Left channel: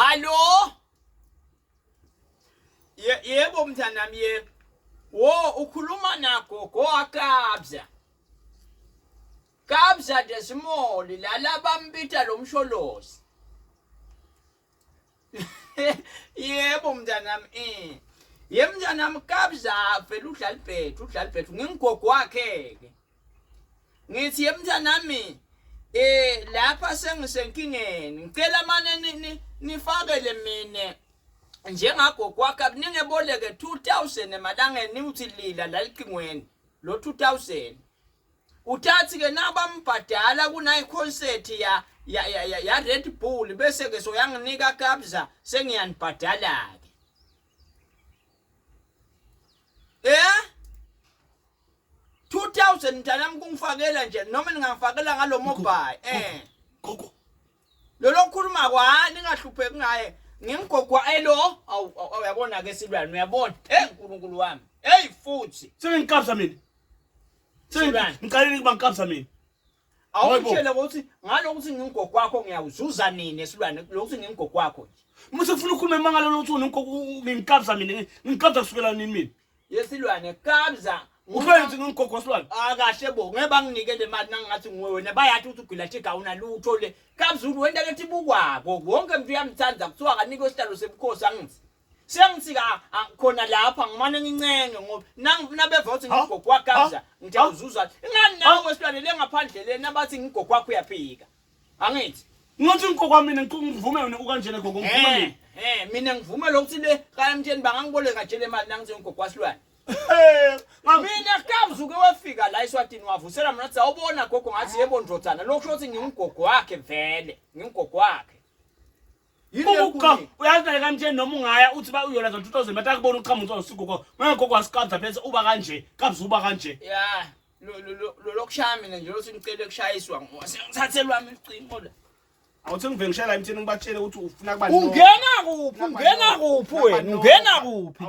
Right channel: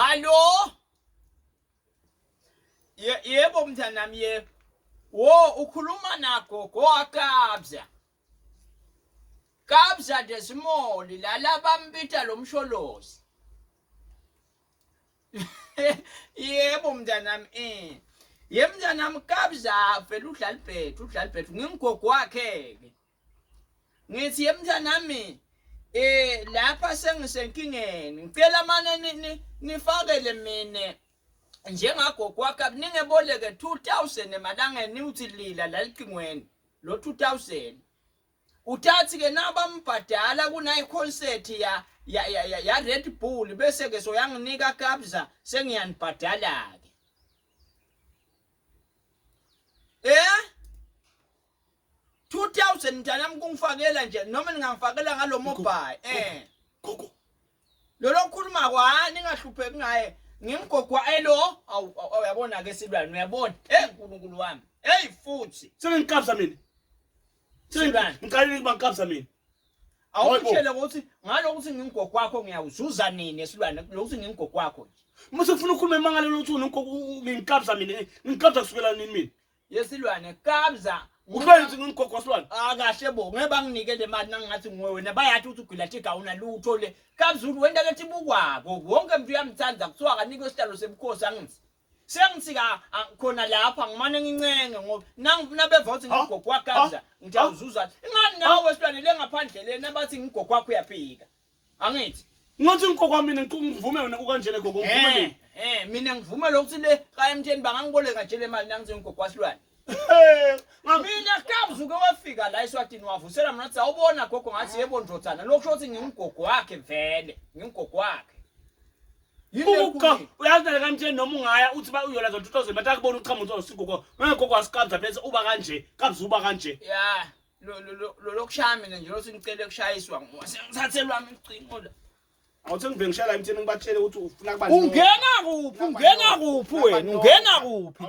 Hallo? Yebo mntanami yebo. Wo ukhuluma nagogo wakabza. Kabza desimoli la bambita lo msholozi. Yebo mntanami Yebo mntanami kabza phela udlala ibhethu ngingogo wakhe ke. Ngithi yebo mntanami lapha sengisenkingeni ngicela manje nifakele mina njengagogo wakhe ningeboleke 2000 emalangeni uthi lila lalicingweni lo 2000 uthathi ke nabambhadala kunayi concert ya Red Bull bese ke soyanginika kabza sengiyanibhadala ke 2000 mntanami kungifakela nje noma ningangifakela ngalo mobile gogo lo lokhuluma kwani ngahlupheki ngaye ngingigogwa awu uyabona ke Silwane uyabona uNkulunkulu wami futhi sengikabza mina ngicalile ukuba ngikabza mina awutshele ukuthi ngalokuthi ngingigogwa wakho ngiyawuzuza nini Silwane lokuthi ngingigogwa wakho nje mase ufuna ukukhuluma emangalo lokuthi ngingikabza mina ngikabza kusukela nini mina yesilwane kabza uhlele ukuthi ngingigogwa Silwane kahle bo ngeba nginike le mali nangathi nguwe wena bayathi ukuthi ugila thiga unalutho le kabzulu wenda lethi bukwabo wonke umuntu uyamthanda kuthiwa kanikwe isihlalo sebukhosi angithi sengithi khona lapha ngimane ngincenge ngoba nabeva ukuthi ngigogwa wakabza ngiyawuzuza ingani nawe Silwane lengaphandle lena abathi ngigogwa wakho uyaphika angithi ngothi ngigogwa mina ngivume wena ukanjene gogo ngivume mina ngivume lokuthi le kayamtsheni bangangiboleka nje le mali nangithi ngigogwa Silwane mina kabza uke wafika la eSwatini wavusela mina ukuthi awubona gogo ngathi yebo ndodzana lokusho ukuthi ngingigogwa wakhe vele ngingigogwa wakhe uka uyazi kamtsheni noma ungaya uthi ba uyola ngo2000 bathi akubona uqhamuthi usigogo ngegogwa wasikabza bese uba kanje kabza uba kanje ya lo lokushaya mina nje lokuthi ngicela kushayiswa ngisathelwa icingo la awuthi ngive ngishaya la emthini ngibatshele ukuthi ufuna kuba ungena kuphi wena ungena kuphi